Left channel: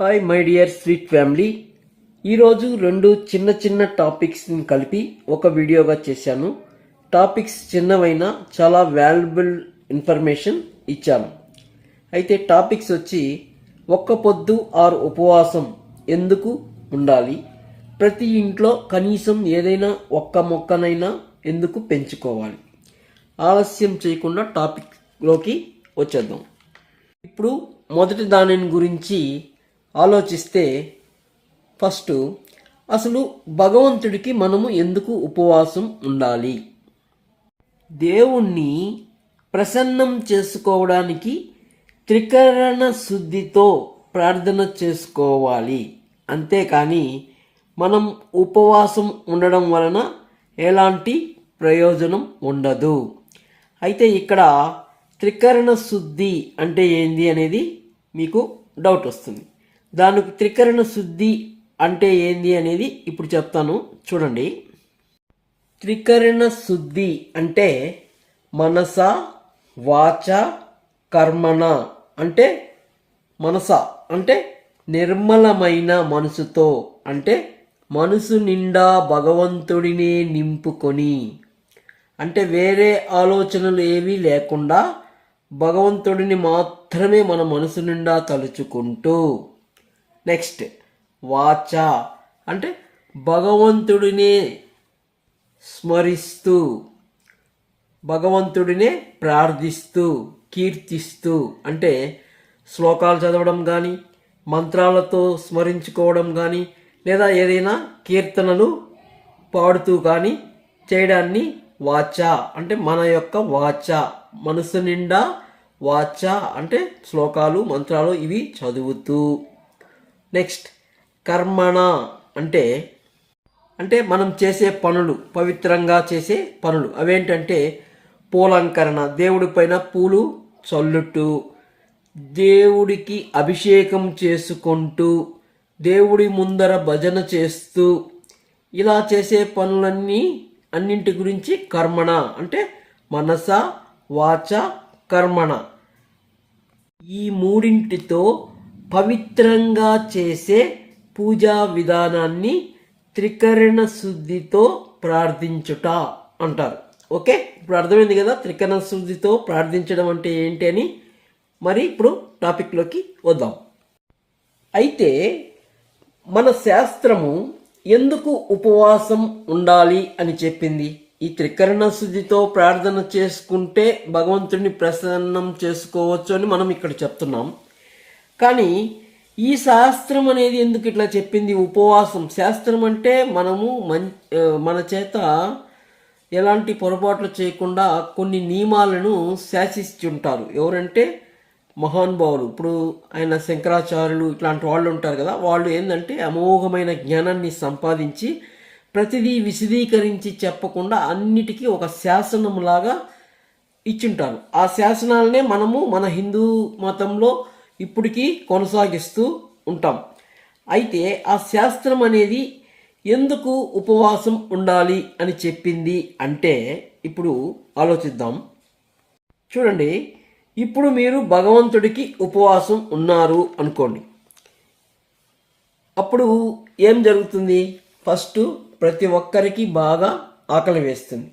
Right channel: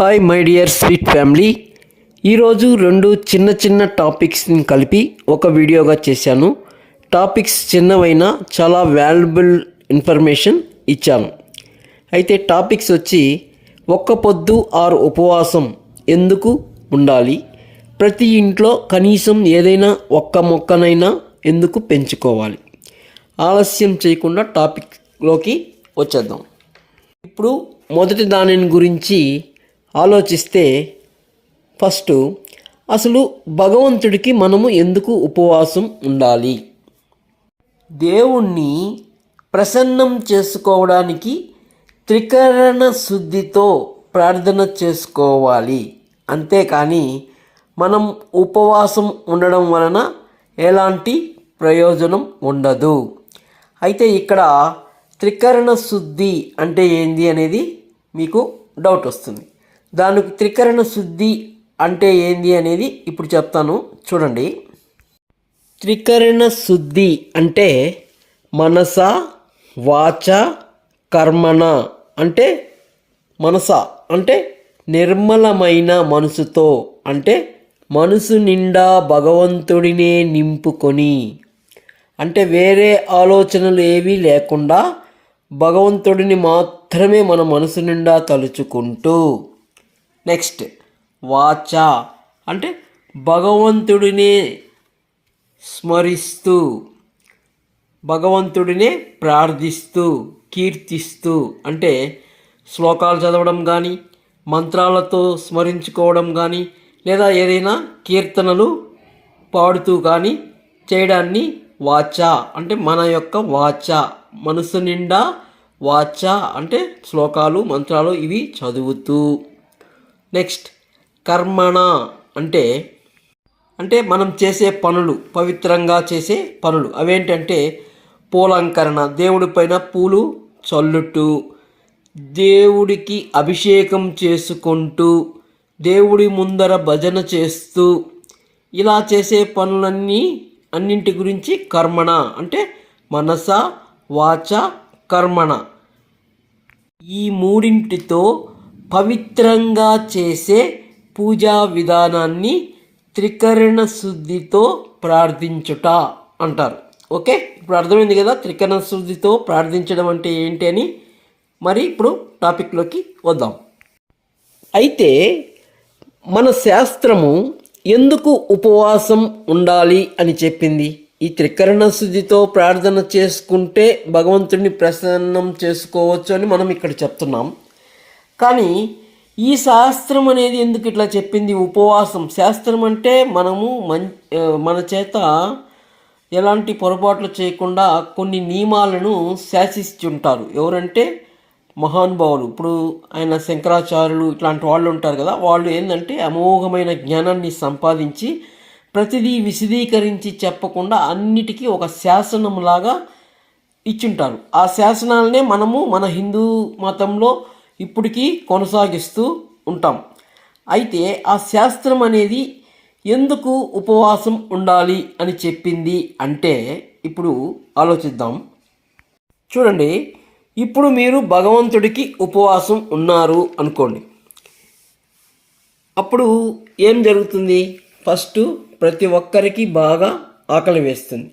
Hi my dear sweet family. ఈరోజు రెండు చిన్న టాపిక్స్ని కలిపి ఒక వీడియోగా చేశాను. టాపిక్స్ చిన్నవైనా చాలా వాల్యుబుల్ ఇన్ఫర్మేషన్ ఇచ్చాను. అయితే టాపిక్స్ వచ్చి ఒక్క పొద్దు ఆరు ఉపవాసం ఎందుకు ఉండాలి, ప్రతి ఇంట్లో కనీసం ఏదైనా ఒక్క మొక్కనైనా ఎందుకు పెంచుకోవాలి. ఆలస్యం చేయకుండా టాపిక్లోకి వచ్చేద్దాం. ఇప్పుడు మొదటి దానిని గురించి ఆలోచిస్తే ఫస్ట్ అసలు భగవంతుడికి మనము ఎందుకు ఉపవాసం ఉండాలి? దేవుణ్ణి ప్రసన్నం చేసుకోవడానికి త్రికరణ శుద్ధితో ప్రార్థన చేసుకోవాలి. అంతేకాని మనం ఉపవాసం ఉండడం వలన ఎలాంటి ప్రయోజనం ఉండదు. అయితే ఇక్కడ త్రికరణ శుద్ధి అంటే ఏంది అనేది మీకు డౌట్ వస్తుంది. దానికి త్రికరణ శుద్ధి అంటే ఏంది అనేది ఇప్పుడు చెప్తాను, చూడండి. త్రికరణ శుద్ధి అంటే మనస, వాచ, కర్మణ. అంటే మనస అంటే నిర్మలమైన మనసుతో, అంటే మనసు నిండా భగవంతుడినే నింపుకొని, అంటే వేరే ఆలోచనలు ఏవీ లేకుండా భగవంతుడిని మాత్రమే మన మనసు నిండా తలుచుకుంటూ. నెక్స్ట్ వాచ అంటే భగవంతుడినే స్మరిస్తూ, భగవంతుడినే ప్రార్థిస్తూ, కీర్తిస్తూ, అంటే శ్లోకాలు చదవడం కానీ, మంత్రాలతో స్మరించుకోవడం కానీ, లేదా ఏదైనా కీర్తనలు పాడుతూ కానీ చేయడాన్ని వాచ అంటే మన యొక్క వాచ, మనసు నిండా వాచ అంటే శ్లోకాలు మంత్రాలు ఇవి చదువుతూ. నెక్స్ట్ కర్మణ అంటే అంటే మనం చేసే పనులు, పవిత్రంగా చేసే పనులు. అవేంటంటే పూలంకరణ, దేవుడి పైన పూలు చల్లుతూ, దేవుడికి అభిషేకం చేసుకుంటూ, దేవుడి ముందర భజన చేస్తూ, ఇలా చేసే అన్నింటి గురించి కర్మణ అంటే మనస, వాచ, కర్మణ. ఈ మూడింటితో పవిత్రంగా చేసే పూజా విధానాన్ని త్రికరణ శుద్ధితో ప్రార్థించుట అంటారు. ఓకే, ఇప్పుడు అర్థమైంది కదా త్రికరణ శుద్ధితో ప్రార్థించడం అంటే ఏంటి అని. మరి ఇప్పుడు టాపిక్లోకి వద్దాం. అయితే మన శాస్త్రము ఎందుకు ఉపవాసం ఉండాలి అని చెప్పింది? ఈ త్రికరణ శుద్ధితో ప్రార్థన చేసుకుంటే భగవంతుడిని ప్రసన్నం చేసుకోవచ్చు అని మనం ఇక్కడ చెప్తున్నాం. కానీ ఈ శాస్త్రం అనేది ఎందుకు ఇట్లా చెప్పింది? ఉపవాసం శాస్త్రం అంటే మనము మన చేత ఎలాంటి పొరపాట్లు చేయకుండా కొన్ని నియమాలను శాసిస్తుంటారు. ఎవరంటే మహానుభావులు. ఇప్పుడు ఆయన శంకరాచార్యులు ఇట్లాంటి వాళ్ళు ఉంటారు కదా, వాళ్ళు ఏంటంటే అమోఘమైన జ్ఞానాన్ని సంపాదించి ప్రతిదీ విశదీకరించి చెప్పకుండా అన్నిటికీ ఒక శాసనంలాగా ఇచ్చుంటారు. ఆ శాసనాలనే మనము మన హిందూ మతంలో ఇప్పటికీ కొనసాగిస్తూ ఉంటాం. అయితే ఆ శాస్త్రం అనేది ఎందుకు ఉపవాసం ఉండాలి అని చెప్పింది అంటే ఇప్పుడు ఆలోచిద్దాం. చూడండి, ఇప్పుడు మీరు భగవంతుడికి ఉపవాసం ఉన్నారు అనుకోండి. అప్పుడు ఏం జరుగుతుంది? ఫస్ట్ ప్రతి ఒక్కరికి బాగా ఆకలి వేస్తుంది.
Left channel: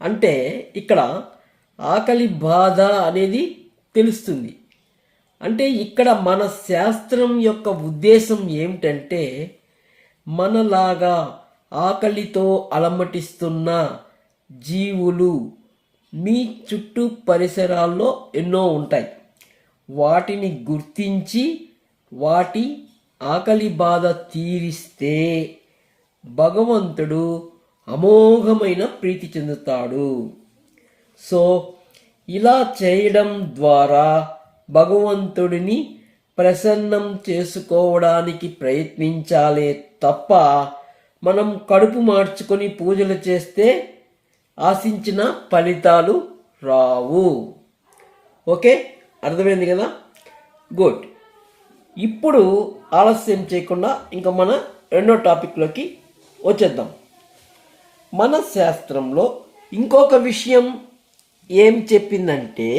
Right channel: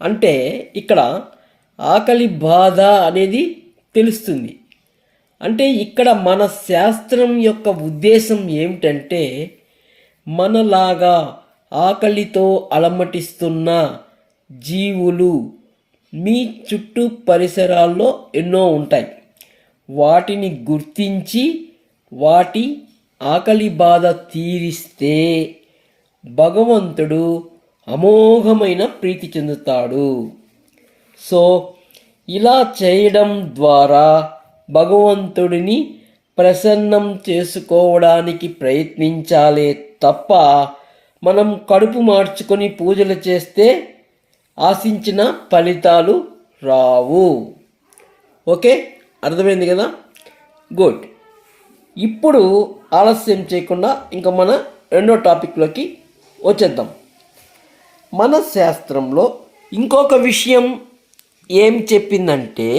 అంటే ఇక్కడ ఆకలి బాధ అనేది తెలుస్తుంది. అంటే ఇక్కడ మన శాస్త్రం యొక్క ఉద్దేశం ఏమిటంటే మనలాగా ఆకలితో అలమటిస్తున్న జీవులు మీ చుట్టూ పరిసరాల్లో ఎన్నో ఉంటాయి. వాటిని గుర్తించి వాటి ఆకలి బాధ తీరిస్తే భగవంతుడు అమోఘమైన ప్రీతి చెందుతాడు. సో ఇలా చేయడం ద్వారా భగవంతుడిని ప్రసన్నం చేసుకోవడానికి ప్రయత్నించాలే తప్ప మనం కడుపు మార్చుకొని పూజలు చేస్తే ఆశించిన ఫలితాలు రావు. ఓకే, అర్థమైంది కదా? గుడ్. ఇప్పుడు ఆలస్యం చేయకుండా ఇంకా మన రెండో టాపిక్లోకి వచ్చేద్దాం. మన శాస్త్రంలో ఇంకొక విషయం ఏం చెప్పిందంటే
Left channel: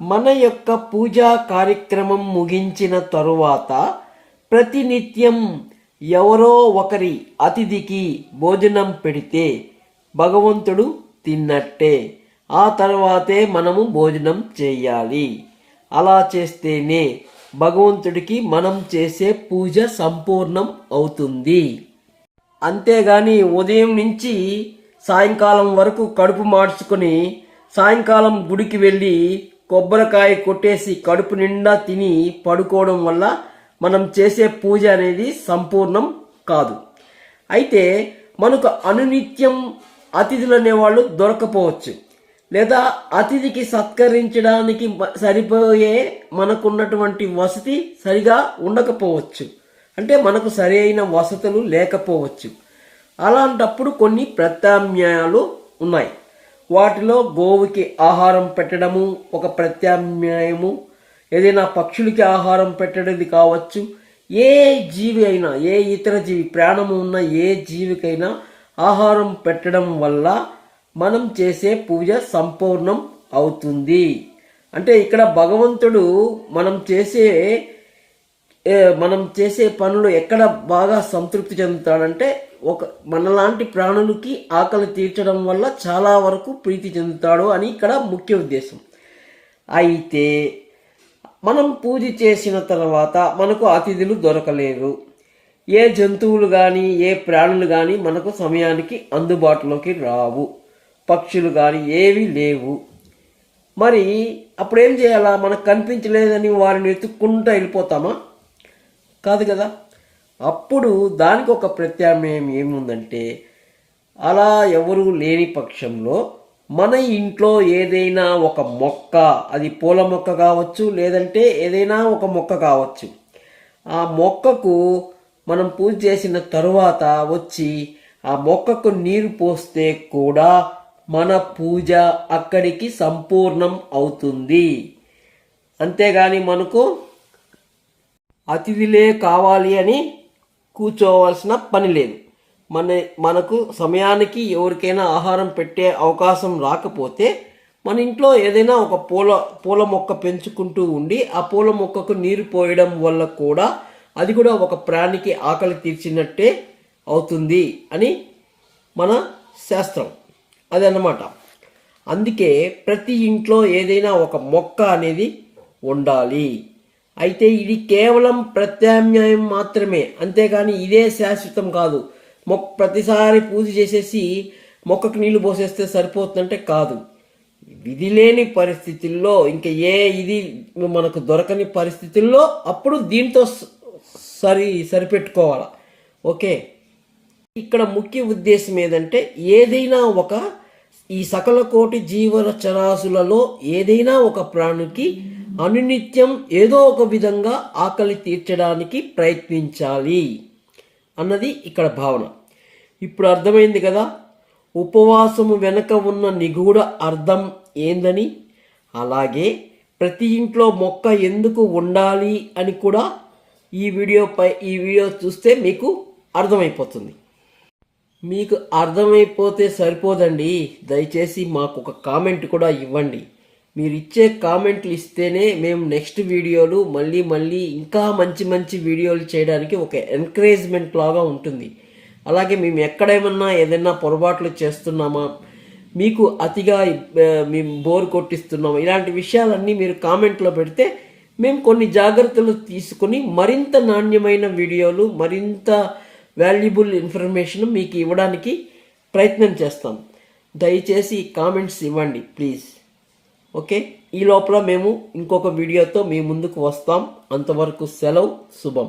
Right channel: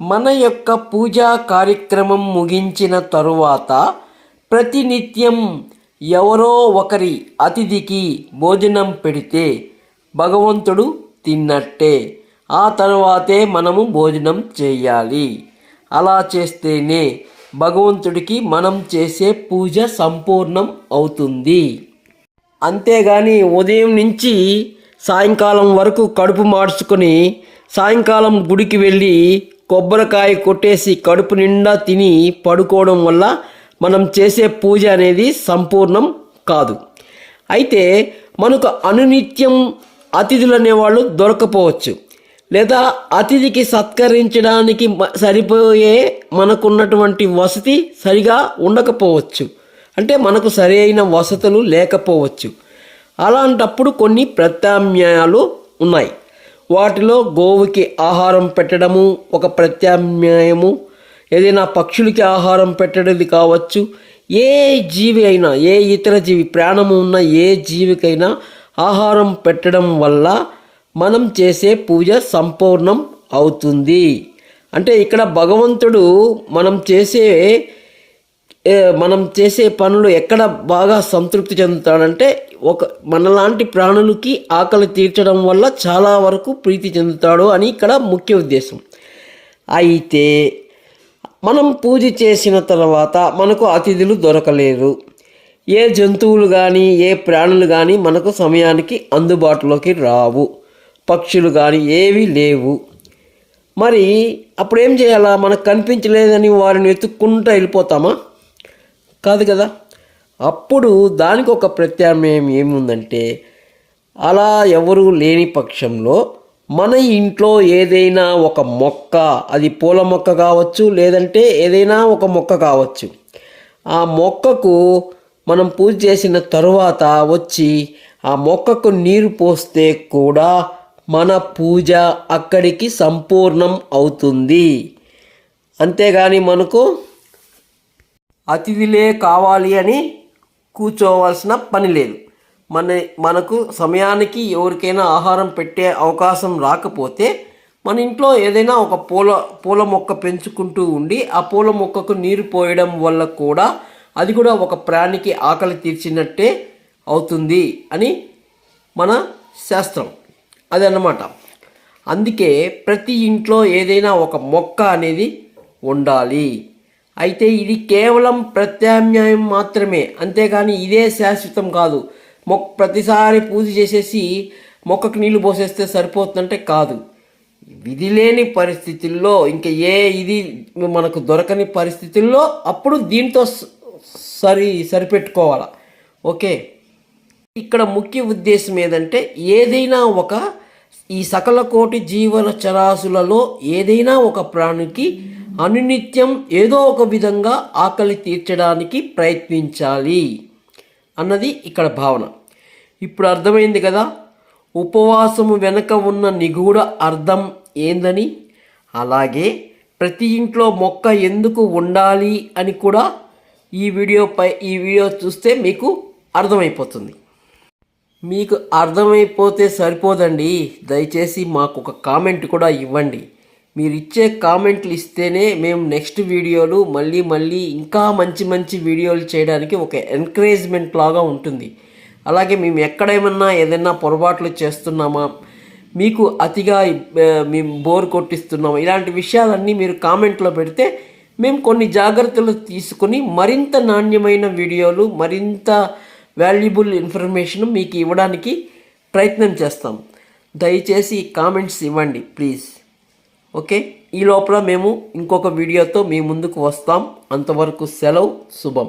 మన యొక్క పూజా కార్యక్రమం ముగించిన తరువాత ప్రతినిత్యం ఎవరో ఒకరి అతిథికి భోజనం పెడితే భగవంతుడు తిన్నట్టే. ఆ తర్వాతే మనము భోజనం చేయాలి. అలా చేస్తేనే భగవంతుడికి మనం చేసే పూజ సంపూర్ణం అవుతుంది. అంతేగాని ఉదయం నుంచి సాయంకాలం వరకు కడుపు మార్చుకొని సాయంకాలం గుడికి వెళ్ళి కొబ్బరికాయ కొట్టేసి కడుపు నిండా తిని పడుకోవడం వల్ల మనం చేసే పూజ అనేది సంపూర్ణం కాదు. అయితే మనకు అనునిత్యం అతిథులు అనేవాళ్ళు దొరకపోవచ్చు, లేదా అతిథికి సత్కరించడానికి సరిపోయే మనకున్నటువంటి వసతి సరిగా ఉండకపోవచ్చు, అంటే మనకు సరైన వసతులు లేకపోవచ్చు. అలాంటప్పుడు కొన్ని ప్రత్యామ్నాయాలు ఉన్నాయి. వాటిలో గోవుకి ఆహారం పెట్టడము ఒక ప్రత్యామ్నాయము, ఏదైనా పక్షులకి ఆహారం పెట్టడది కావచ్చు. ఏ జీవి అయినా, ఏ ఇతర జీవి, ప్రాణము ఉన్న ఏ జీవికైనా ఆహారం పెట్టడం వల్ల మనం చేసే పూజ సంపూర్ణం అవుతుంది. అంటే ఇక్కడ భగవంతుడు మనం చేసే పనులు ఎక్కడ బాగా సంతృప్తి చెందుతాడంటే మనలాంటి ప్రాణులకి ఆకలి తీర్చడం వల్ల చాలా వరకు ప్రీతి చెందుతాడు అని ఇక్కడ ముఖ్య ఉద్దేశం. అయితే మనం పూజ చేసిన తర్వాత మనకు అతిథులు దొరకలేరు, ఏ జంతువులు కానీ ఏ ప్రాణులు కానీ మనకు సమయానికి అందుబాటులోకి రావు, పక్షులు కానీ ఏవీ లేవు. మరి అప్పుడేం చేయాలా? మనకు కనిపించలేదని వారిని వెతుక్కుంటూ వెళ్ళిపోతామా? కాదు కదా. అప్పుడు దానికి ఒక ప్రత్యామ్నాయం ఏముందంటే, అలా ఎవరు లేని పక్షంలో మన ఇంట్లో ఏదైనా ఒక మొక్క, అది పూల మొక్క కావచ్చు, లేదంటే ఏదైనా ఒక మొక్క కావచ్చు, ఆ మొక్కకు మనం పూజ చేసిన తరువాత వచ్చి ఆ మొక్కకు నీరు పోస్తే కూడా మన పూజ అక్కడికి సంపూర్ణం అవుతుంది. అంతేగాని మనకు అతిథులే కావాలి అని కూర్చోవలసిన పని లేదు. మనకు సమయానికి ఎవరికైనా ఆహారం పెట్టే అవకాశం రాకపోతే మన ఇంట్లో ఏదైనా ఒక పూల మొక్క పెంచుకుంటూ ఉండి ఆ పూల మొక్కకు నీరు పోయడం వల్ల కూడా అది కూడా ఒక ప్రాణికి ఆకలి తీర్చినట్టే అవుతుంది అని మన శాస్త్రం. అదన్నమాట. అందుకే ప్రతి ఇంట్లో ఏదైనా ఒక మొక్క అనేది ఉండాలి. అయితే ఇది కేవలం ప్రత్యామ్నాయం మాత్రమే, అంతేగాని ఇదే శాశ్వతం కాదు. ప్రతిసారి పూజ చేసేసి మొక్కకు నీళ్లు పోసేస్తే సరిపోతుందంటే కాదు. విధి లేని పరిస్థితుల్లో, ఇంకా ఇది మనకు దొరకని పరిస్థితుల్లో అప్పుడు దీంతో సరిపెట్టుకోవాలి. ఓకే. ఇక్కడ ముఖ్య ఉద్దేశం ఏదంటే, ఏదైనా ఈ సకల కోటి జీవన చరాశులలో ఏదైనా ఒక ప్రాణికి అనునిత్యం ఏదో ఒక విధంగా ఆకలి తీర్చడానికి ప్రయత్నించాలి అన్నది ఇక్కడ భావన. ఇప్పుడు అర్థమైంది కదా ఉపవాసము వెనక ఉన్న నిగూఢ అర్థం ఏందని. అలాగే ప్రతి ఇంట్లో మొక్క ఎందుకు ఉండాలి అని కూడా ఈ వీడియో చూస్తే మీకు అర్థమైపోతుంది. మీకు అర్థమైపోతే సరిపోదండి, దయచేసి మాకు ఒక కామెంట్ కూడా ఇవ్వండి. మీరు ఇచ్చే కామెంట్లు ఇస్తేనే మేము నెక్స్ట్ వీడియోలు మళ్ళీ ఇంకా మంచి వీడియోలు చేయడానికి ఒక ఎంకరేజ్మెంట్ లాగా ఉంటుంది. అలాగే మేము ఏదైనా పొరపాట్లు చేస్తున్నామా, మీకు అతిగా మేము బోర్ కొట్టిస్తున్నామా, ఇలాంటి విషయాలన్నీ మీరు కామెంట్లో పెడితే మేము కొన్ని జాగ్రత్తలు తీసుకుని మరింత నాణ్యమైన వీడియోలు, మరింత వాల్యుబుల్ ఇన్ఫర్మేషన్ మీకు ఇవ్వడానికి ప్రయత్నం చేస్తాం. దయచేసి కామెంట్స్ ఇవ్వండి ప్లీజ్. ఓకే. ఈ లోపల మేము ఇంకొక వీడియోతో మీ ముందుకు వస్తాం. అంతవరకు సెలవు. శుభం.